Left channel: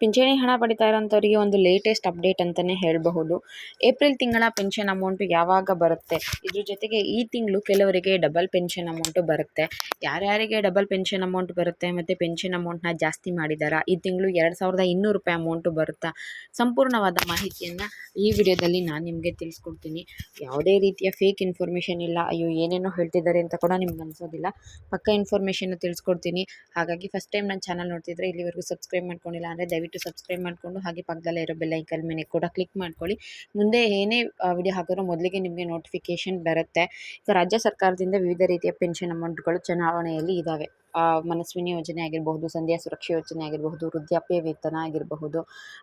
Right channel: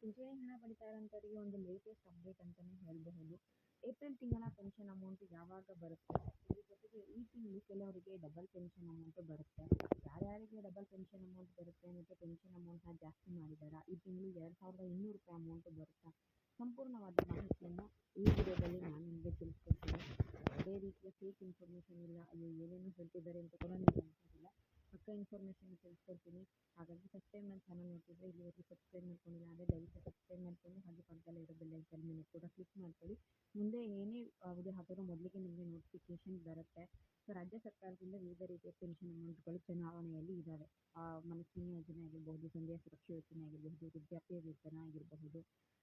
ಪಿಂಚಣಿ ಹಣ ಪಡಿತಾ ಇರೋಂಥವ್ರಿಗೆ ಒಂದು ಲೇಟೆಸ್ಟ್ ಅಪ್ಡೇಟ್ ಅಂತಲೇ ಹೇಳಬಹುದು. ಏಪ್ರಿಲ್ ತಿಂಗಳ ಪೆನ್ಷನ್ ಅಮೌಂಟು ಯಾವಾಗ ಬರುತ್ತೆ? ಇದ್ರ ಜೊತೆಗೆ ಈ ತಿಂಗಳು ಕೆಲವರಿಗೆ ಡಬಲ್ ಪೆನ್ಷನ್ ಅಮೌಂಟು ಬರುತ್ತೆ. ಯಾರ್ಯಾರಿಗೆ ಡಬಲ್ ಪೆನ್ಷನ್ ಅಮೌಂಟ್ ಬರುತ್ತೆ ಮತ್ತು ಪೆನ್ಷನ್ ಅಮೌಂಟ್ನ ಜಾಸ್ತಿ ಮಾಡಿದಾರಾ? ಈ ತಿಂಗಳು ಎರಡು ಸಾವಿರದ ಇನ್ನೂರು ರೂಪಾಯಿ ಅಮೌಂಟು ಬರುತ್ತಾ? ಸಂಪೂರ್ಣವಾದ ಮಾಹಿತಿಯನ್ನು ಈ ವಿಡಿಯೋದಲ್ಲಿ ನಾನು ನಿಮಗೆ ತಿಳಿಸ್ಕೊಡ್ತೀನಿ. ಯಾವುದೇ ರೀತಿಯ ಫೇಕ್ ಇನ್ಫಾರ್ಮೇಷನ್ ಇಲ್ಲ. ಅಯ್ಯೋ, ಏನೇನೋ ಹೇಳ್ತಿದ್ದಾರೆ ಅಂತ ಕೂಡ ನಿಮ್ಗೆ ಅನಿಸೋದಿಲ್ಲ. ಪಕ್ಕ ಇನ್ಫಾರ್ಮೇಷನ್ ತಿಳಿಸ್ಕೊಡ್ತೀನಿ. ಹಾಗಾಗಿ ಫಸ್ಟ್ ಟೈಮ್ ನನ್ನ ಚಾನಲ್ ನೋಡ್ತಿದ್ರೆ ಇಲ್ಲಿವರೆಗೂ ಸಬ್ಸ್ಕ್ರೈಬ್ ಮಾಡ್ಕೊಂಡಿಲ್ಲ ಅಂದರೆ ದಯವಿಟ್ಟು ಸಬ್ಸ್ಕ್ರೈಬ್ ಮಾಡಿಕೊಂಡು ಹಾಗೆ ಪಕ್ಕದಲ್ಲೇ ಇರೋ ಬೆಲ್ ಐಕನ್ ಮೇಲೆ ಕೂಡ ಕ್ಲಿಕ್ ಮಾಡ್ಕೊಳ್ಳಿ. ಮುಂದೆ ಏನೇ ವಿಡಿಯೋ ಹಾಕಿದ್ರು ಮೊದಲಿಗೆ ನಿಮಗೆ ನೋಟಿಫಿಕೇಷನ್ ಬರುತ್ತೆ. ಈಗ ರಾಜ್ಯ ಸರ್ಕಾರದಿಂದ ವಿವಿಧ ರೀತಿಯ ಪೆನ್ಷನ್ ಅಮೌಂಟ್ಗಳು ಚುನಾವಣೆಯಲ್ಲಿ ಇದ್ದಾವೆ ಮನಸ್ವಿನಿ ಯೋಜನೆ ಆಗಿರಬಹುದು, ಸಂಧ್ಯಾ ಸುರಕ್ಷಾ ಯೋಜನೆ ಆಗಿರಬಹುದು, ವೃದ್ಧಾಪ್ಯ ವೇತನ ಆಗಿರಬಹುದು,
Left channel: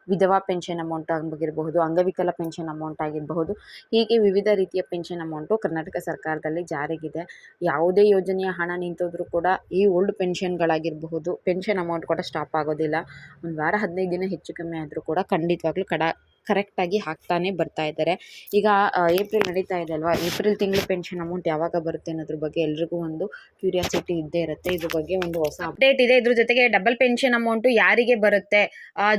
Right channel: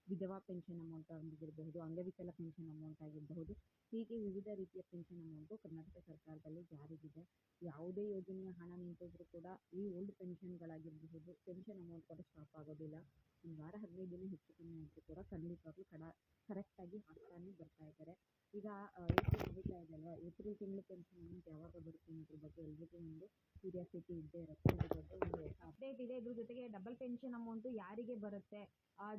ವಿಧವಾ ಪೆನ್ಷನ್ ಅಮೌಂಟ್ ಆಗಿರಬಹುದು, ಅಂಗವಿಕಲ ಪೆನ್ಷನ್ ಅಮೌಂಟ್ ಆಗಿರಬಹುದು, ಹೀಗೆ ವಿವಿಧ ರೀತಿಯ ಪೆನ್ಷನ್ ಅಮೌಂಟು ಕರ್ನಾಟಕ ಸರ್ಕಾರದಲ್ಲಿ ಜಾರಿಗಿದೆ. ಯಾವುದೇ ಯೋಜನೆಯ ಹಣ ನಿಂತೋದ್ರೂ ಕೂಡ ಈ ಓಲ್ಡ್ ಪೆನ್ಷನ್ಗಳಾಗಿರಬಹುದು, ಪೆನ್ಷನ್ ಅಮೌಂಟ್ ಕೂಡ ಸ್ಟಾಪ್ ಆಗೋದಿಲ್ಲ. ಒಂದು ವಾರ ಹದಿನೈದು ದಿನ ಹೆಚ್ಚು ಕಮ್ಮಿ ಆದರೂ ಕೂಡ ಖಂಡಿತವಾಗ್ಲೂ ಕಡ ಕರೆಕ್ಟಾಗಿ ಹಾಕ್ತಾನೆ ಬರ್ತಾ ಇದ್ದಾರೆ. ಈಗ ಏಪ್ರಿಲ್ ನಡೀತಾ ಇದೆ ಅಲ್ವಾ? ಏಪ್ರಿಲ್ ತಿಂಗಳು ಪೆನ್ಷನ್ ಅಮೌಂಟ್ ಯಾವಾಗ ಬರುತ್ತೆ ಅನ್ನೋದ್ರ ಬಗ್ಗೆ ಎಲ್ರಿಗೂ ಒಂದು ಕ್ಯೂರಿಯಾಸಿಟಿ ಇದ್ದೇ ಇರುತ್ತೆ. ಇದ್ರ ಬಗ್ಗೆ ಒಂದು ಹೊಸ ಅಪ್ಡೇಟ್ ಇದೆ. ಇದ್ರ ಜೊತೆಗೆ ಡಬಲ್ ಪೆನ್ಷನ್ ಅಮೌಂಟು ಯಾರಿಗೆ ಬರುತ್ತೆ?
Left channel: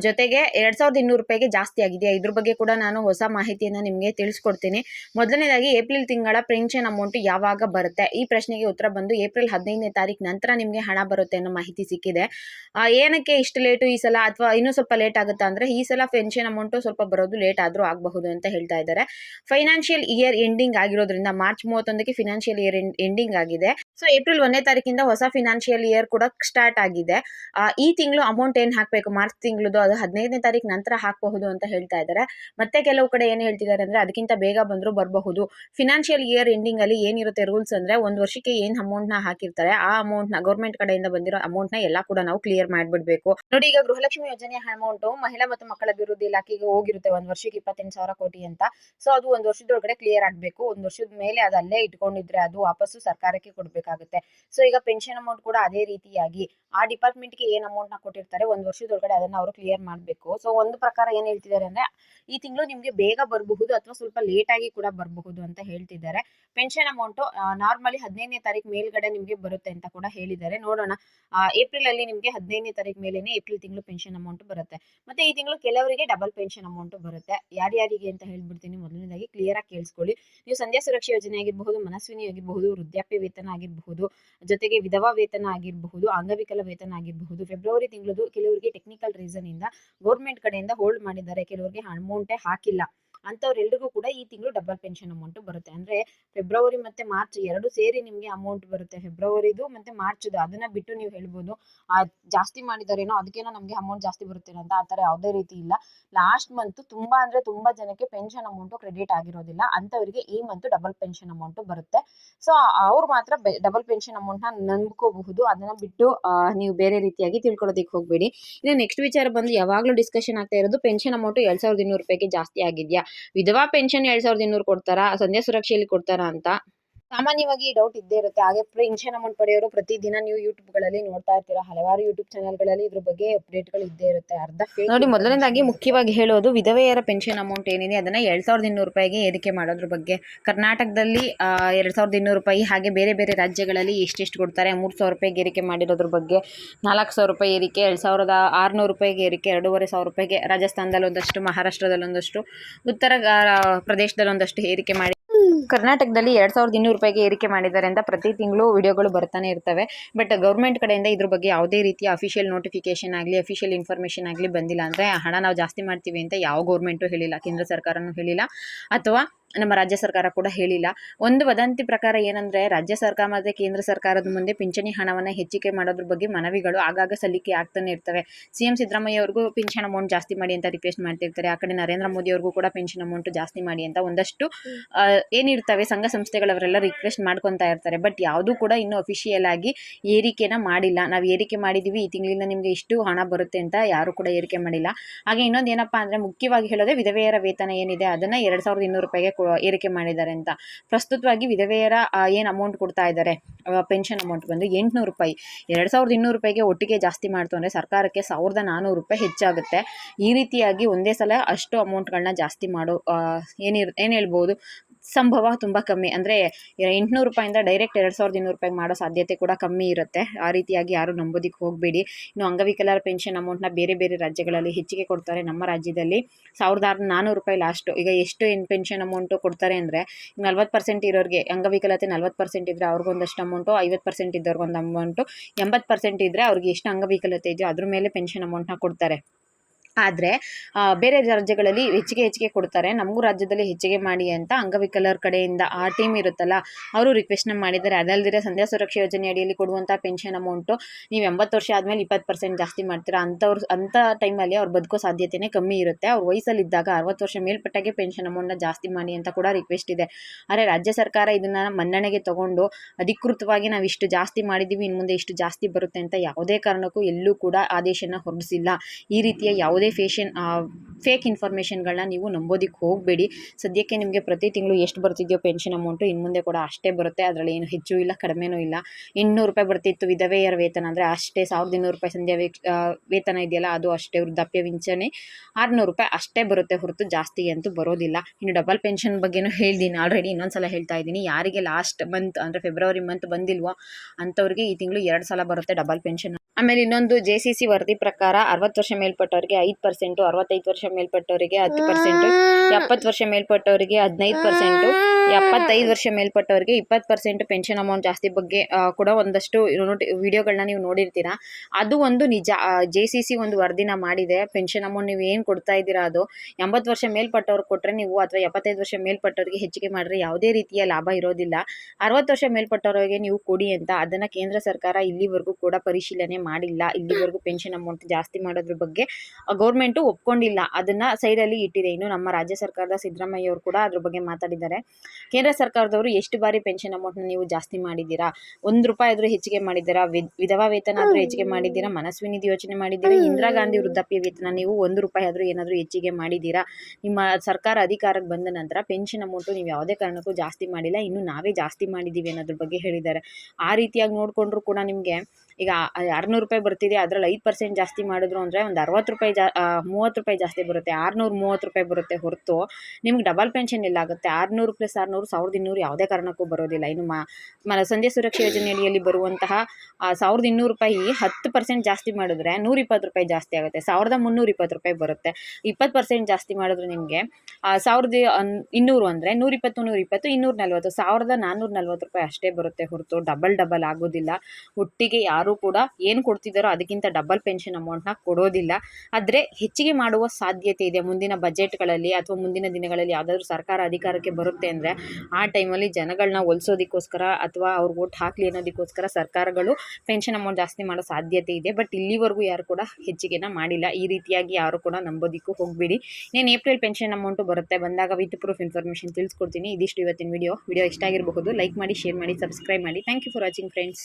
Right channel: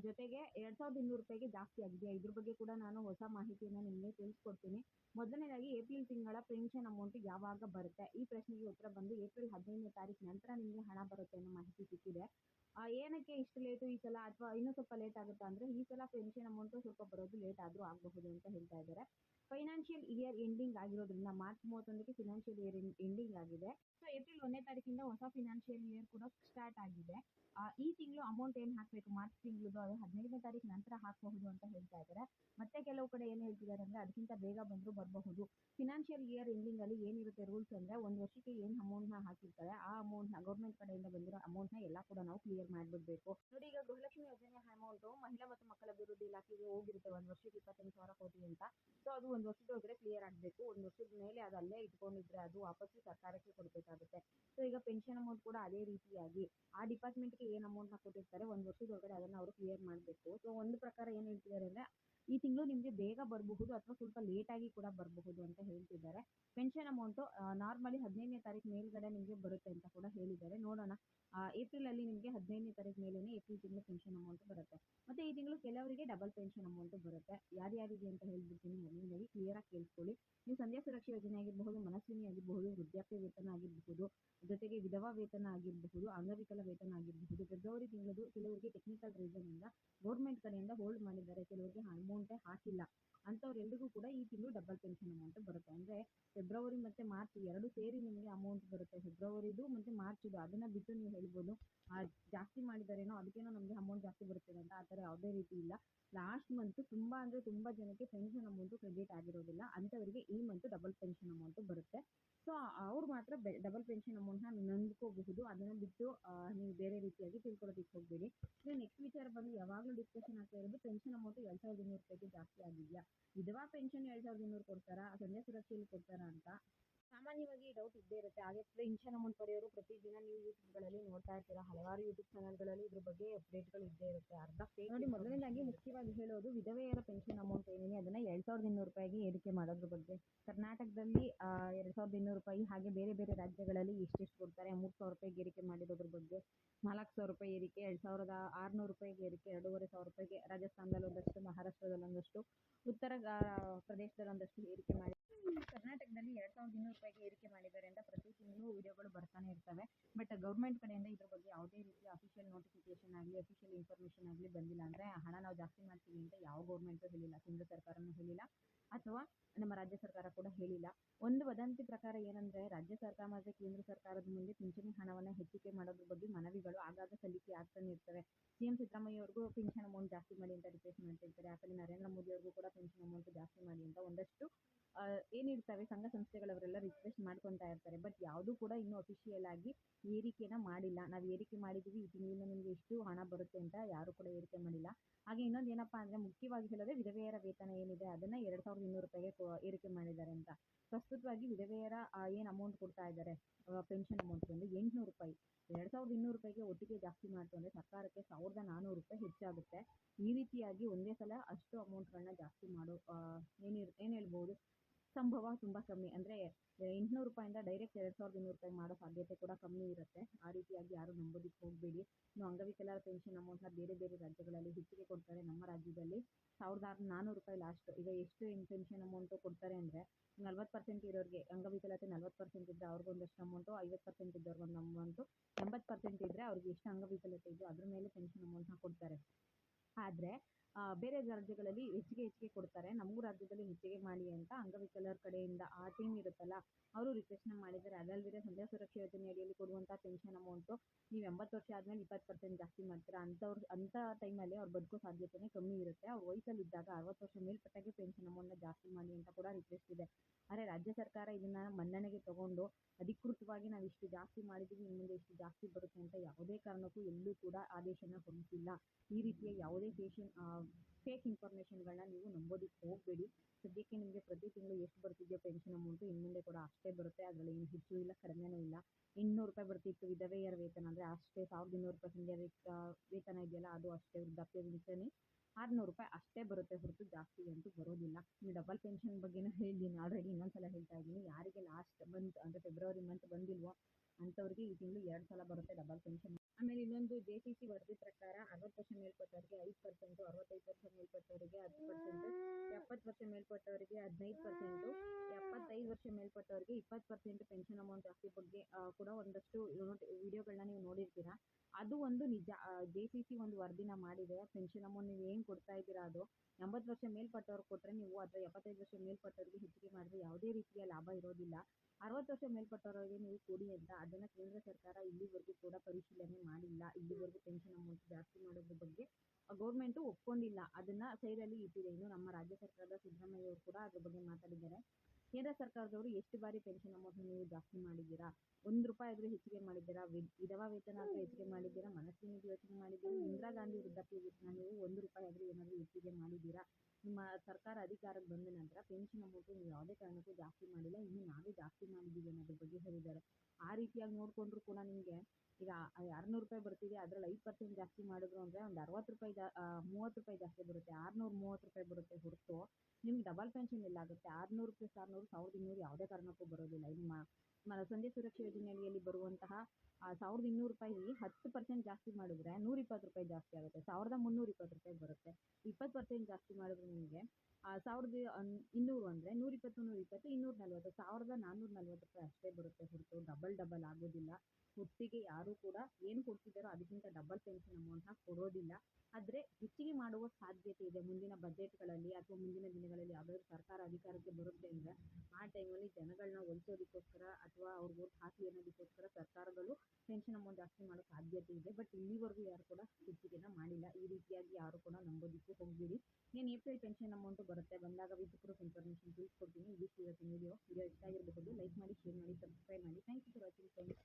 ಜೊತೆಗೆ ಎರಡು ಸಾವಿರದ ಇನ್ನೂರು ರೂಪಾಯಿಗೆ ಜಾಸ್ತಿ ಆಗಿದೆಯಾ? ಇದ್ರ ಬಗ್ಗೆ ಕೂಡ ನಾನು ಹೊಸ ಮಾಹಿತಿಯನ್ನು ನಿಮಗೆ ತಿಳಿಸ್ಕೊಡ್ತೀನಿ. ಮೊದಲನೇದಾಗಿ ಏಪ್ರಿಲ್ ತಿಂಗಳ ಪೆನ್ಷನ್ ಅಮೌಂಟ್ ಯಾವಾಗ ಬರುತ್ತೆ? ಈ ಪ್ರಶ್ನೆಗೆ ಉತ್ತರ ಬಂದು ಏಪ್ರಿಲ್ ಹದಿನೈದನೇ ತಾರೀಕು ನಂತರ ನಿಮಗೆ ಹಣ ಬರುತ್ತೆ ಅನ್ನೋ ಮಾಹಿತಿ ಸಿಕ್ಕಿದೆ. ಏನಕ್ಕೆ ಇಷ್ಟು ಲೇಟು ಈ ಸಲ? ಅಥವಾ ಇನ್ನೂ ಸ್ವಲ್ಪ ಲೇಟ್ ಆಗುತ್ತಾ? ಅಂದರೆ ಈ ಸಲ ಪೆನ್ಷನ್ ಅಮೌಂಟು ಸ್ವಲ್ಪ ಬರೋದು ಲೇಟ್ ಆದರೂ ಆಗಬಹುದು ಅಂತ ಹೇಳ್ತಾ ಇದ್ದಾರೆ. ಫೈನಾನ್ಷಿಯಲ್ ಇಯರ್ ಎಂಡಿಂಗ್ ಆಗಿರೋದ್ರಿಂದ ಮಾರ್ಚ್ ಮೂವತ್ತೊಂದಕ್ಕೆ ಫಿನಾನ್ಷಿಯಲ್ ಇಯರ್ ಎಂಡಿಂಗ್ ಆಗಿದೆ. ಸೊ ಏಪ್ರಿಲ್ ಒಂದನೇ ತಾರೀಕಿಂದ ಹೊಸ ಫಿನಾನ್ಷಿಯಲ್ ಇಯರ್ ಕೂಡ ಸ್ಟಾರ್ಟ್ ಆಗಿದೆ. ಈ ತಿಂಗಳು ಅಮೌಂಟ್ ಏನು ಹಾಕಬೇಕು? ಮಾರ್ಚ್ ತಿಂಗಳದು ಅದು ಹದಿನೈದನೇ ತಾರೀಕು ನಂತರ ಹಾಕಬಹುದು ಅಂತ ಹೇಳ್ತಾ ಇದ್ದಾರೆ. ಮತ್ತೆ ಕೆಲವು ಕಡೆ ಏನು ಹೇಳ್ತಿದ್ದಾರೆ ಅಂದರೆ ಅದಕ್ಕಿಂತ ಬೇಗ ಬಂದರೂ ಬರಬಹುದು. ಫಿನಾನ್ಷಿಯಲ್ ಇಯರ್ ಎಂಡಿಂಗ್ ಅಲ್ಲಿ ಏನಿರುತ್ತೆ ರೂಲ್ಸ್ ಅಂದರೆ ಒಂದು ವರ್ಷಕ್ಕೆ ಏನು ಅಮೌಂಟ್ನ ಹಾಕಿರ್ತಾರೆ, ಆ ಅಮೌಂಟ್ನ ಗೌರ್ಮೆಂಟ್ ಕಡೆಯಿಂದ ಬಂದಿರೋ ಅಮೌಂಟ್ನ ಎಲ್ಲ ಕೂಡ ನಾವು ಕ್ಲಿಯರ್ ಮಾಡಿಬಿಡಬೇಕು. ನೋಡಿ ಈಗ ಗೃಹಲಕ್ಷ್ಮಿ ಯೋಜನೆ ಅಮೌಂಟ್ ಮಹಿಳಾ ಮತ್ತು ಮಕ್ಕಳ ಅಭಿವೃದ್ಧಿ ಇಲಾಖೆಗೆ ಹೋಗಿರುತ್ತೆ. ಒಂದು ವರ್ಷಕ್ಕೆ ಇಪ್ಪತ್ತೆಂಟು ಸಾವಿರ ಕೋಟಿ ಅಂತ. ಸೊ ಅದು ಒಂದು ವರ್ಷದೊಳಗಡೆ ಕ್ಲಿಯರ್ ಆಗಬೇಕು. ಒಂದು ವರ್ಷದ ಮೇಲೆ ಅದು ಅಲ್ಲೇ ಇಟ್ಕೊಂಡಿದ್ರೆ ಅದು ವಾಪಸ್ಸು ಸರ್ಕಾರಕ್ಕೆ ಕೊಡಬೇಕಾಗುತ್ತೆ. ಸೊ ಈಗ ಪೆನ್ಷನ್ ಅಮೌಂಟ್ ಕೂಡ ಅದೇ ರೀತಿಯಾಗಿ ಆ ಡಿಪಾರ್ಟ್ಮೆಂಟ್ಗೆ ಅಮೌಂಟ್ನ ಕೊಟ್ಟಿರ್ತಾರೆ, ಒಂದು ವರ್ಷದೊಳಗಡೆ ಅದನ್ನ ಅವರು ಕ್ಲಿಯರ್ ಮಾಡಬೇಕು. ಸೊ ಒಂದು ಪ್ರಕಾರ ಏನು ಹೇಳ್ತಿದ್ದಾರೆ ಅಂದರೆ ಈ ತಿಂಗಳು ನಿಮಗೆ ಬೇಗ ಬರಬಹುದು ಅಥವಾ ಸ್ವಲ್ಪ ಲೇಟ್ ಆಗಿ ಕೂಡ ಬರಬಹುದು ಅಂತ ಹೇಳ್ತಿದ್ದಾರೆ. ಪೆನ್ಷನ್ ಅಮೌಂಟ್ ನಾರ್ಮಲಿ ಹದಿನೈದನೇ ತಾರೀಕು ಮೇಲ್ಗಡೆ ನಿಮಗೆ ಬರುತ್ತೆ ಅಂತ ಕೂಡ ಹೇಳಿದ್ದಾರೆ. ನೋಡೋಣ. ಏಪ್ರಿಲ್ ಅಲ್ಲಿ ನಿಮಗೆ ಹದಿನೈದನೇ ತಾರೀಕು ಮೇಲೇನೆ ಏಪ್ರಿಲ್ ತಿಂಗಳು ಪೆನ್ಷನ್ ಅಮೌಂಟ್ ಬರುತ್ತೆ. ಮತ್ತೆ ಈ ತಿಂಗಳು ಕೆಲವರಿಗೆ ಡಬಲ್ ಪೆನ್ಷನ್ ಅಮೌಂಟ್ ಬರುತ್ತೆ. ಯಾರ್ಯಾರಿಗೆ ಅಂತ ಹೇಳ್ಬಿಡ್ತೀನಿ. ಮೊದಲನೇದಾಗಿ ಕ್ಲಿಯರ್ ಆಗಿ ಕೇಳಿಸ್ಕೊಳ್ಳಿ. ನೀವು ಸಂಧ್ಯಾ ಸುರಕ್ಷಾ ಯೋಜನೆ ಆಗಿರಬಹುದು, ಮನಸ್ವಿನಿ ಆಗಿರಬಹುದು, ವೃದ್ಧಾಪ್ಯ ವೇತನ ಆಗಿರಬಹುದು, ಜೊತೆಗೆ ವಿಧವಾ ವೇತನ ಆಗಿರಬಹುದು ಅಂಗವಿಕಲ ವೇತನ ಆಗಿರಬಹುದು ಫೆಬ್ರವರಿ ತಿಂಗಳದು ಕೆಲವರಿಗೆ ಟೆಕ್ನಿಕಲ್ ರೀಸನ್ ಇಂದ ಗೌರ್ಮೆಂಟ್ ಕಡೆಯಿಂದ ಹೋಲ್ಡ್ ಮಾಡಿದ್ದಾರೆ. ಕೆಲವರಿಗೆ ಅಮೌಂಟೇ ಹಾಕಿಲ್ಲ ಅಂಥವ್ರೆಲ್ರಿಗೂ ಕೂಡ ಈ ತಿಂಗಳು ಡಬಲ್ ಪೆನ್ಷನ್ ಅಮೌಂಟ್ ಬರುತ್ತೆ. ಅಂದ್ರೆ ಫೆಬ್ರವರಿ ಮತ್ತೆ ಮಾರ್ಚ್ ಎರಡು ಸೇರಿ ನಿಮಗೆ ಅಮೌಂಟ್ ಬರುತ್ತೆ. ಫೆಬ್ರವರಿದು ಮತ್ತೆ ಮಾರ್ಚ್ದು ಅದನ್ನ ಬಿಟ್ಟು ನೀವು ಹೇಳ್ಬೋದು. ಜಾಸ್ತಿ ಮಾಡಿದಾರೇನೋ ಅದಕ್ಕೇನೋ ನಮಗೆ ಅಮೌಂಟ್ ಜಾಸ್ತಿ ಬರುತ್ತೆ ಅಂತ ಆ ಥರ ಯಾವುದೇ ರೀತಿ ಇಲ್ಲ. ಲಾಸ್ಟ್ ಮಂತ್ ತುಂಬಾ ಅಂದ್ರೆ ತುಂಬಾ ಜನಕ್ಕೆ ಪೆನ್ಷನ್ ಅಮೌಂಟು ಕ್ರೆಡಿಟ್ ಆಗಿರೋದಿಲ್ಲ. ಅಂಥವರಿಗೆ ಈ ಮಂತ್ ಡಬಲ್ ಪೆನ್ಷನ್ ಅಮೌಂಟು ಬರುತ್ತೆ. ಸೊ ಅವ್ರು ಮಾತ್ರ ಡಬಲ್ ಪೆನ್ಷನ್ ಅಮೌಂಟ್ನ ನಂಬ್ಕೋಬಹುದು. ಅದನ್ನ ಬಿಟ್ಟು ನೀವು ಬೇರೆ ರೀತಿಯಾಗಿ ತಿಳ್ಕೊಳ್ಳೋದಕ್ಕೆ ಹೋಗಬೇಡಿ. ಇನ್ನು ನೆಕ್ಸ್ಟ್ ವಿಚಾರ ಬಂದು ಯಾವಾಗಲೂ ಡಿಸ್ಕಷನ್ ಆಗ್ತಾ ಇರೋದು ಪೆನ್ಷನ್ ಅಮೌಂಟು ಎರಡು ಸಾವಿರದ ಇನ್ನೂರು ರೂಪಾಯಿಗೆ ಜಾಸ್ತಿ ಆಗಿದೆಯಾ? ವಿಧವಾ ಪೆನ್ಷನ್ ಎರಡು ಸಾವಿರದ ಇನ್ನೂರು ಕೊಡ್ತಾರಾ? ಸಂಧ್ಯಾ ಸುರಕ್ಷೆಯಲ್ಲಿ ಕೊಡ್ತಾರಾ ಅಂತ? ಸಾಮಾನ್ಯವಾಗಿ ಈ ಡೌಟ್ ಇದ್ದೇ ಇರುತ್ತೆ. ಹಾಗೆ ಪೆನ್ಷನ್ ಅಮೌಂಟ್ ಪಡೆಯೋರು ಪ್ರತಿದಿನ ನೀವು ಯೂಟ್ಯೂಬ್ಗಳಲ್ಲಿ ನೋಡ್ತಾ ಇರ್ತೀರಾ? ಹಲವಾರು ಯೂಟ್ಯೂಬ್ ಚಾನಲ್ಗಳಲ್ಲಿ ಇದ್ರ ಬಗ್ಗೆ ಅಪ್ಡೇಟ್ಗಳು ಇದ್ದೇ ಇರುತ್ತೆ. ಅರ್ಧ ನೋಡಿ ಮೊದಲನೇದಾಗಿ ಮುಖ್ಯವಾಗಿ ಹೇಳೋದು ವಿಧವೆಯರ ಪೆನ್ಷನ್ ಅಮೌಂಟ್ ಏನಿದೆ ಅದನ್ನ ಎರಡ್ ಸಾವಿರದ ಇನ್ನೂರು ರೂಪಾಯಿಗೆ ಏರಿಕೆ ಮಾಡೋದ್ರ ಬಗ್ಗೆ. ಕರ್ನಾಟಕದಲ್ಲಿ ಎರಡ್ ಸಾವಿರದ ಇನ್ನೂರು ರೂಪಾಯಿ ಹಾಗೆ ಬೇರೆ ಬೇರೆ ರಾಜ್ಯಗಳಲ್ಲಿ ಎಷ್ಟೆಷ್ಟು ಕೊಡ್ತಾರೆ? ಮೂರು ಸಾವಿರ ರೂಪಾಯಿಗೆ ಏರಿಕೆ ಮಾಡಿರೋದ್ರ ಬಗ್ಗೆ. ನಾಲ್ಕು ಸಾವಿರ ರೂಪಾಯಿ ಏರಿಕೆ ಎರಡು ಸಾವಿರದ ಆರುನೂರು ರೂಪಾಯಿಗೆ ಏರಿಕೆ ಎರಡೂವರೆ ಸಾವಿರ ರೂಪಾಯಿಗೆ ರಾಜಸ್ಥಾನದಲ್ಲಿ ಒಂದಷ್ಟು ಮಹಾರಾಷ್ಟ್ರದಲ್ಲಿ ಒಂದಷ್ಟು ಉತ್ತರ ಗ- ಪ್ರದೇಶದಲ್ಲಿ ಒಂದಷ್ಟು ಏರಿಕೆ ಮಾಡಿ ಕರ್ನಾಟಕದಲ್ಲಿ ಎರಡು ಸಾವಿರದ ಇನ್ನೂರು ರೂಪಾಯಿಗೆ ಏರಿಕೆ ಮಾಡಿದ್ದಾರೆ ಅಂತ ಪ್ರತಿ ತಿಂಗಳು ವಿಡಿಯೋಗಳು ಬರ್ತಾನೆ ಇರ್ತವೆ. ಬಟ್ ಗೌರ್ಮೆಂಟ್ ಕಡೆಯಿಂದ ಇದ್ರ ಬಗ್ಗೆ ಯಾವುದೇ ರೀತಿಯ ಅಫಿಷಿಯಲ್ ನೋಟಿಫಿಕೇಶನ್ ಆಗಲಿ ಅಫಿಷಿಯಲ್ ಇನ್ಫಾರ್ಮೇಷನ್ ಆಗಲಿ ಬಂದಿಲ್ಲ. ಅಂದರೆ ಹಣ ನಾವು ಜಾಸ್ತಿ ಮಾಡ್ತೀವಿ ಅಂತ ಯಾವ ಗೌರ್ಮೆಂಟು ಹೇಳಿಲ್ಲ, ಕೇಂದ್ರ ಸರ್ಕಾರನೂ ಹೇಳಿಲ್ಲ. ಅಥವಾ ನಮ್ಮ ರಾಜ್ಯ ಸರ್ಕಾರ ಕೂಡ ಹೇಳಿಲ್ಲ. ಒಂದು ವದಂತಿ ಪ್ರಕಾರ ಏನಂದರೆ, ರಾಜ್ಯ ಸರ್ಕಾರ ಮತ್ತು ಕೇಂದ್ರ ಸರ್ಕಾರದ ಮುಂದೆ ಪಿಂಚಣಿ ಹಣವನ್ನು ಹೆಚ್ಚಿಕೆ ಮಾಡೋದ್ರ ಬಗ್ಗೆ ಮನವಿಗಳು ಆಗಾಗ ಸಲ್ಲಿಕೆ ಆಗ್ತಾನೆ ಇರ್ತವೆ. ಸಿ ಎಂ ಸಿದ್ದರಾಮಯ್ಯ ಅವ್ರಿಗೂ ಪಿಂಚಣ ಅಮೌಂಟ್ ಜಾಸ್ತಿ ಮಾಡಿ ಅಂತ ರಿಕ್ವೆಸ್ಟ್ ಮಾಡ್ತಿರ್ತಾರೆ. ಆ ಕಡೆ ನರೇಂದ್ರ ಮೋದಿ ಅವ್ರಿಗೂ ಕೂಡ ಪಿಂಚಣಿ ಅಮೌಂಟ್ ಜಾಸ್ತಿ ಮಾಡಿ ಅಂತ ಒಂದಷ್ಟು ಏನಿರ್ತವೆ ಸಂಘ ಸಂಸ್ಥೆಗಳವರೆಲ್ಲ ರಿಕ್ವೆಸ್ಟ್ ಮಾಡ್ಕೊತಾ ಇರ್ತಾರೆ. ಬಟ್ ಯಾವುದೂ ಕೂಡ ಇನ್ನೂ ಅಫಿಷಿಯಲ್ ಆಗಿ ಏರಿಕೆನ ಮಾಡಿಲ್ಲ. ನಾವು ಏರಿಕೆ ಮಾಡಿದ್ದೀವಿ ಈ ತಿಂಗಳಿಂದ ನಿಮಗೆ ಇಷ್ಟು ಹಣ ಬರುತ್ತೆ ಅಂತ ಯಾರು ಕೂಡ ಏರಿಕೆ ಮಾಡಿಲ್ಲ. ಹಾಗೆ ಇನ್ನೊಂದು ಏನಪ್ಪಾ ಅಂದರೆ ಮುಖ್ಯವಾಗಿ ಹೇಳೋದೇ ವಿಧವೆಯರ ವೇತನ ಏನಿದೆ, ಅದನ್ನು ಎರಡು ಸಾವಿರದ ಇನ್ನೂರು ರೂಪಾಯಿಗೆ ಏರಿಕೆ ಮಾಡಿದ್ದಾರೆ ಅಂತ. ಪ್ರಸ್ತುತವಾಗಿ ವಿಧವೆಯರ ಏನು ಅಮೌಂಟ್ ಕೊಡ್ತಾ ಇದ್ದಾರೆ? ಪೆನ್ಷನ್ ಅಮೌಂಟ್ ಬಂದು ಎಂಟುನೂರು ರೂಪಾಯಿ. ಎರಡು ಸಾವಿರದ ಇನ್ನೂರು ರೂಪಾಯಿಗೆ ಒಟ್ಟಿಗೆ ಜಾಸ್ತಿ ಮಾಡ್ತು ಅಂದರೆ ಸರ್ಕಾರಕ್ಕೆ ಸಾವಿರದ ನಾನ್ನೂರು ರೂಪಾಯಿ ಹೆಚ್ಚಾಗುತ್ತೆ. ಈ ರೀತಿಯಾಗಿ ಒಂದೇ ಸಲ ಅಷ್ಟು ಅಮೌಂಟ್ಗಳನ್ನ ಜಾಸ್ತಿ ಮಾಡೋ ಏನಿರ್, ಏನು ಹೇಳ್ಬೋದು? ಸಂಭವ ತುಂಬ ಕಮ್ಮಿ. ಅಂದರೆ ಎಂಟುನೂರು ರೂಪಾಯಿಂದ ಡೈರೆಕ್ಟ್ ಎರಡು ಸಾವಿರದ ಇನ್ನೂರು ರೂಪಾಯಿಗೆ ಮಾಡೋ ಸಾಧ್ಯತೆ ಕೂಡ ಕಮ್ಮಿ ಇರುತ್ತೆ. ಆ ರೀತಿಯಾಗಿ ಯಾರು ನಂಬೋದಕ್ಕೆ ಹೋಗಬೇಡಿ. ಇನ್ನು ಅಂಗವಿಕಲರ ಪೆನ್ಷನ್ ಅಮೌಂಟ್ನ ಬೇರೆ ಬೇರೆ ರಾಜ್ಯಗಳಲ್ಲಿ ಹೆಚ್ಚಿಗೆ ಕೊಡ್ತಾರೆ. ನಮ್ಮ ರಾಜ್ಯದಲ್ಲಿ ಸಾವಿರದ ಆರು ನಾನ್ನೂರು ರೂಪಾಯಿ ಲಾಸ್ಟು ಈಗ ಎಷ್ಟು ಏನು ಪೆನ್ಷನ್ ಅಮೌಂಟು ಕೊಡ್ತಾರೆ ಅಂದರೆ ನಲ್ವತ್ತು ಪರ್ಸೆಂಟ್ ಇರೋರಿಗೆ ಅಂಗವಿಕಲತೆ ನಲ್ವತ್ತು ಪರ್ಸೆಂಟ್ ಇದ್ದರೆ ಅವ್ರಿಗೊಂದಷ್ಟು ಅಮೌಂಟು ಐವತ್ತು ಪರ್ಸೆಂಟ್ ಇದ್ದವ್ರಿಗೊಂದು ಅಮೌಂಟು ಎಂಬತ್ತು ಪರ್ಸೆಂಟ್ ಇದ್ದರೆ ಅವ್ರಿಗೆ ಎಷ್ಟು ಅಂಗವಿಕಲತೆ ಇದೆಯೋ ಅದ್ರ ಮೇಲೆ ಪೆನ್ಷನ್ ಅಮೌಂಟ್ನ ಕೊಡ್ತಾರೆ. ಆದರೆ ಬೇರೆ ರಾಜ್ಯಗಳಲ್ಲಿ ಹೆಚ್ಚಿಗೆ ಹೆಚ್ಚಿಗೆ ಕೊಡ್ತಾರೆ. ನಮಗೂ ರಾಜ್ಯದಲ್ಲಿ ಹೆಚ್ಚಿಗೆ ಮಾಡಿ ಅಂತ ಅಂಗವಿಕಲರ ಕಡೆಯಿಂದ ಆ ಟೀಮ್ ಇರುತ್ತಲ್ಲ, ಅವರು ರಿಕ್ವೆಸ್ಟ್ನ ಮಾಡಿದ್ದಾರೆ. ಅದಲ್ಲದೆ ಸಂಧ್ಯಾ ಸುರಕ್ಷಾ ಯೋಜನೆ ಅಡಿಯಲ್ಲಿ ಕೊಡುವಂಥ ಪೆನ್ಷನ್ ಅಮೌಂಟು ನೀವು ಎಂಬತ್ತು ವರ್ಷ ಆದಮೇಲೆ ಇಪ್ಪತ್ತು ಪರ್ಸೆಂಟ್ ಜಾಸ್ತಿ ಮಾಡ್ತೀರಾ? ಅಂಥವ್ರು ಅಂಥ ಟೈಮಲ್ಲಿ ಅವ್ರು ಬದುಕೋ ಸಾಧ್ಯತೆಯೇ ಕಮ್ಮಿ ಇರುತ್ತೆ. ಅವ್ರ ವಯಸ್ಸಲ್ಲಿದ್ದಾಗ ಅರವತ್ತು ವರ್ಷ ಮೇಲ್ಪಟ್ಟಾಗೆ ಪೆನ್ಷನ್ ಅಮೌಂಟ್ನ ಜಾಸ್ತಿ ಮಾಡಿ ಅಂತ ಕೂಡ ರಿಕ್ವೆಸ್ಟ್ ಇದೆ. ಆದರೆ ರಾಜ್ಯ ಸರ್ಕಾರ ಇದನ್ನು ಮನ್ನಣೆಗೆ ತಗೊಂಡು ಅಧಿಕೃತವಾಗಿ ನಾವು ಇಷ್ಟು ಜಾಸ್ತಿ ಮಾಡಿದ್ದೀವಿ ಇನ್ನು ಮುಂದೆ ಇಷ್ಟು ಜಾಸ್ತಿ ಬರುತ್ತೆ ಅಂತ ಯಾವುದೇ ಕಾರಣಕ್ಕೂ ಎಲ್ಲೂ ಕೂಡ ಆದೇಶನ ಹೊರಡಿಸಿಲ್ಲ. ಈ ರೀತಿಯ ಯಾವುದೇ ಫೇಷನ್ ಫೇಕ್ ಇನ್ಫಾರ್ಮೇಷನ್ಗಳನ್ನ ನೀವು ನಂಬೋದಕ್ಕೆ ಹೋಗಬೇಡಿ. ಸದ್ಯಕ್ಕೆ ನಿಮಗೆ ಪ್ರತಿ ತಿಂಗಳು ಎಷ್ಟು ಬರ್ತಿದೆಯೋ ಪೆನ್ಷನ್ ಅಮೌಂಟು ಇನ್ನು ಮುಂದೆ ಕೂಡ ಅಷ್ಟೇ ಬರುತ್ತೆ. ಅದರಲ್ಲಿ ಏನು ಹೆಚ್ಚು ಇಲ್ಲ, ಕಡಿಮೆನೂ ಇಲ್ಲ. ಇನ್ನೂರು ರೂಪಾಯಿ ಬರ್ತಿತ್ತು ವಿಧವೆಯರ ವೇತನ ಅಂದರೆ ಅಷ್ಟೇ, ಸಾವಿರದ ಇನ್ನೂರು ರೂಪಾಯಿ ಸಂಧ್ಯಾ ವೇತನ ಇದೆಯಲ್ಲ, ಅದು ಅಷ್ಟೇ ವೃದ್ಧಾಪ್ಯ ವಿಂಚನೆ ಆರುನೂರು ರೂಪಾಯಿ ಅಷ್ಟೇ ಬರುತ್ತೆ ಹೊರತು ಜಾಸ್ತಿ ಅಂತೂ ಬರೋದಿಲ್ಲ. ಇನ್ನು ಡಬಲ್ ಪೆನ್ಷನ್ ಬಗ್ಗೆನೂ ಹೇಳ್ತೀನಿ ಆಲ್ರೆಡಿ ಇನ್ನೊಂದು ಸಲ ಹೇಳ್ತಾ ಇದ್ದೀನಿ. ಯಾರಿಗೆ ಲಾಸ್ಟ್ ಮಂತ್ ಅಂದರೆ ಫೆಬ್ರವರಿ ಮಂತ್ ಬಂದಿಲ್ವೋ, ಅಂಥವ್ರಿಗೆ ಈ ತಿಂಗಳು ಎರಡು ಸಲ ಬರುತ್ತೆ ಡಬಲ್ ಪೆನ್ಷನ್ ಆಮೇಲೆ ಇನ್ನೊಂದು ಜೆ ಸಿ ಸಿ ವರದಿ ಪ್ರಕಾರ ಅರವತ್ತು ವರ್ಷ ಮೇಲ್ಪಟ್ಟವರಿಗೆ ಐದು ಪರ್ಸೆಂಟು ಅರವತ್ತೈದು ವರ್ಷ ಮೇಲ್ಪಟ್ಟವರಿಗೆ ಹತ್ತು ಪರ್ಸೆಂಟು ಎಪ್ಪತ್ತು ವರ್ಷ ಮೇಲ್ಪಟ್ಟವರಿಗೆ ಹದಿನೈದು ಪರ್ಸೆಂಟು ಎಪ್ಪತ್ತೈದು ವರ್ಷ ಮೇಲ್ಪಟ್ಟವರಿಗೆ ಇಪ್ಪತ್ತು ಪರ್ಸೆಂಟ್ ಪೆನ್ಷನ್ ಅಮೌಂಟ್ ಜಾಸ್ತಿ ಬಗ್ಗೆ ಕೂಡ ಒಂದಷ್ಟು ವಿಡಿಯೋಗಳನ್ನ ನೀವು ನೋಡಿರ್ತೀರಾ. ಅದು ಒಂದು ನಿಜ ಜೆ ಸಿ ಸಿ ಒಂದು ವರದಿನ ಮಾಡಿದೆ. ಪೆನ್ಷನ್ ಅಮೌಂಟ್ ನೀವು ಏನು ಕೊಡ್ತಾ ಇದ್ದೀರಾ ಅದು? ಎಂಬತ್ತು ವರ್ಷ ಮೇಲ್ಪಟ್ಟವ್ರು ಕೊಟ್ಟರೆ ನೀವು ಅಥವಾ ಎಪ್ಪತ್ತೈದು ವರ್ಷ ಮೇಲ್ಪಟ್ಟವರಿಗೆ ಹೆಚ್ಚಿಗೆ ಮಾಡಿದ್ರೆ ಯಾವುದೇ ರೀತಿಯ ಲಾಭ ಇರೋದಿಲ್ಲ. ಅರವತ್ತು ವರ್ಷ ಮೇಲ್ಪಟ್ಟವರಿಗೆ ನೀವು ಕೊಡಿ ಅಂತ ಅದನ್ನು ಕೇಂದ್ರ ಸರ್ಕಾರ ಇಲ್ಲಿವರೆಗೂ ಕೂಡ ಪರಿಶೀಲನೆ ಮಾಡಿಲ್ಲ, ಇಲ್ಲಿವರೆಗೂ ಪೆನ್ಷನ್ ಅಮೌಂಟ್ ಜಾಸ್ತಿ ಮಾಡೋದ್ರ ಬಗ್ಗೆ ಗೌರ್ಮೆಂಟು ಒಪ್ಕೊಂಡಿಲ್ಲ. ಅದನ್ನು ಸೈಡಲ್ಲಿ ಇಟ್ಟಿದೆ. ಇನ್ನು ನಮ್ಮ ರಾಜ್ಯ ಸರ್ಕಾರದ ಸಿದ್ದರಾಮಯ್ಯ ಅವರು ಕೂಡ ಅದ್ರ ಬಗ್ಗೆ ಮಾತಾಡಿದ್ದಾರೆ. ಕೇಂದ್ರ ಸರ್ಕಾರದವರು ಎಷ್ಟು ಬಾರಿ ಪೆನ್ಷನ್ ಅಮೌಂಟ್ನ ನೀವು ಜಾಸ್ತಿ ಮಾಡಿದ್ದೀರಾ? ಒಂದು ರೂಪಾಯಿ ಆದರೂ ಹೆಚ್ಚಿಗೆ ಮಾಡಿದ್ದೀರಾ? ವಿಧವಾ ವೇತನ ಆದರೂ ಹೆಚ್ಚಿಗೆ ಮಾಡಿದ್ದೀರಾ? ಮನಸ್ವಿ ನಿಧಿ ಯೋಚನೆ ಮಾಡಿದ್ದೀರಾ? ಇಂದಿರಾ ಗಾಂಧಿ ವೃದ್ಧಾಪ್ಯ ವೇತನ ನೀವು ಒಂದು ರೂಪಾಯಿ ಆದರೂ ಏನಾದರೂ ಹೆಚ್ಚಿಗೆ ಮಾಡಿದ್ದೀರಾ? ನಿಮ್ಮ ಸರ್ಕಾರ ಅಧಿಕಾರಕ್ಕೆ ಬಂದ ನಂತರ ಪೆನ್ಷನ್ ಅಮೌಂಟು ನೀವು ಯಾವುದೇ ಕಾರಣಕ್ಕೂ ಜಾಸ್ತಿ ಮಾಡಿಲ್ಲ. ಇನ್ನು ನಾವೇ ಜಾಸ್ತಿ ಮಾಡಿದ್ದೀವಿ ಅನ್ನೋದ್ರ ಬಗ್ಗೆ ಹೇಳಿದ್ದಾರೆ. ಆ ರೀತಿಯಾಗಿ ನೋಡಿಕೊಂಡ್ರು ಕೂಡ ನಿಮಗೆ ಈಗ ಆರುನೂರು ರೂಪಾಯಿ ಬರ್ತಿದೆ, ಅದರಲ್ಲಿ ಐದು ಪರ್ಸೆಂಟ್ ಜಾಸ್ತಿ ಮಾಡಿದ್ರು ಅಂದರೆ ಒಂದು ಅರವತ್ತು ರೂಪಾಯಿ ಜಾ ಮೂವತ್ತು ರೂಪಾಯಿ ಜಾಸ್ತಿ ಬರುತ್ತೆ, ಆರುನೂರು ಮೂವತ್ತು ರೂಪಾಯಿ ಬರುತ್ತೆ ಹೊರತು. ನಿಮ್ಗೆ ಡಬಲ್ ಪೆನ್ಷನ್ ಎಲ್ಲ ಆಗುತ್ತೆ. ಆರುನೂರು ಪ್ಲಸ್ ಆರುನೂರು, ಸಾವಿರದ ಇನ್ನೂರು ಯಾವುದೇ ಕಾರಣಕ್ಕೂ ಬರೋದಿಲ್ಲ. ಇನ್ನು ಮ ಸಂಧ್ಯಾ ಸುರಕ್ಷಾ ಯೋಜನೆಯಲ್ಲಿ ಬರುವಂತಹ ಸಾವಿರದ ಇನ್ನೂರು ರೂಪಾಯಿ ಹತ್ತು ಪರ್ಸೆಂಟ್ ಜಾಸ್ತಿ ಮಾಡಿದ್ರೆ ನೂರ ಇಪ್ಪತ್ತು ರೂಪಾಯಿ ಜಾಸ್ತಿ ಆಗುತ್ತೆ. ಸಾವಿರದ ಮುನ್ನೂರ ಇಪ್ಪತ್ತು ರೂಪಾಯಿ ಬರುತ್ತೆ. ಇಪ್ಪತ್ತು ಪರ್ಸೆಂಟ್ ಜಾಸ್ತಿ ಮಾಡಿದ್ರೆ ನಿಮಗೆ ಸಾವಿರದ ಇನ್ನೂರು ಅಂದರೆ ನೂರಿಪ್ಪತ್ತು ನೂರ ಇಪ್ಪತ್ತು, ಇನ್ನೂರ ನಲ್ವತ್ತು, ಸಾವಿರದ ನಾನ್ನೂರ ನಲ್ವತ್ತು ರೂಪಾಯಿ ಅಷ್ಟೇ ಬರುತ್ತೆ ಹೊರತು. ಡಬಲ್ ಡಬಲ್ ಆಗೋದಿಲ್ಲ. ಒಟ್ಟಿಗೆ ಯಾರೂ ಕೂಡ ಏನು ಕೊಡ್ತಿದ್ದಾರೋ ಅದಕ್ಕಿಂತ ಡಬಲ್ ಪೆನ್ಷನ್ ಅಮೌಂಟ್ನ ಕೊಡೋದಿಲ್ಲ. ಆದರೆ ಹೆಚ್ಚಿಗೆ ಮಾಡುವ ಸಾಧ್ಯತೆ ಇದೆ. ಮುಂದಿನ ಬಜೆಟ್ಗಳಲ್ಲಿ ಅಥವಾ ಮುಂದಿನ ದಿನಗಳಲ್ಲಿ ಯಾವುದಾದ್ರೂ ಸರ್ಕಾರ ಅಧಿಕಾರಕ್ಕೆ ಬರುತ್ತೆ ಅಂದರೆ ಆ ಟೈಮಲ್ಲಿ ಜನಗಳನ್ನ ಒಲಿಸೋದಕ್ಕೋಸ್ಕರ ಅಥವಾ ಅವ್ರಿಗೆ ಓಟ್ ಹಾಕಲಿ ಅನ್ನೋದಕ್ಕೋಸ್ಕರ ಸರ್ಕಾರಗಳು ಪೆನ್ಷನ್ ಅಮೌಂಟ್ ಜಾಸ್ತಿ ಮಾಡೋ ಸಾಧ್ಯತೆ ಇದೆ. ಬಟ್ ಇಲ್ಲಿವರೆಗೂ ಯಾರು ಕೂಡ ಹೆಚ್ಚಿಗೆನ ಮಾಡಿಲ್ಲ. ಈ ರೀತಿಯಾಗಿ ಯಾರು ಕೂಡ ನಂಬೋದಕ್ಕೂ ಹೋಗಬೇಡಿ. నేను ಏಪ್ರಿಲ್ ಪೆನ್ಷನ್ ಅಮೌಂಟು ಬರುತ್ತೆ. ಬಂದಾಗ ವಿತ್ ಪ್ರೂಫ್ ಇನ್ಫಾರ್ಮೇಷನ್ ತಿಳಿಸ್ಕೊಡ್ತೀನಿ. ಇದಿಷ್ಟು ಇವತ್ತಿನ ವಿಡಿಯೋ ವಿಡಿಯೋ ಇಷ್ಟ ಆಗಿರಬಹುದು ಲೈಕ್ ಮಾಡಿ ಶೇರ್ ಮಾಡಿ ಸಬ್ಸ್ಕ್ರೈಬ್ ಮಾಡಿ. Thank you for watching friends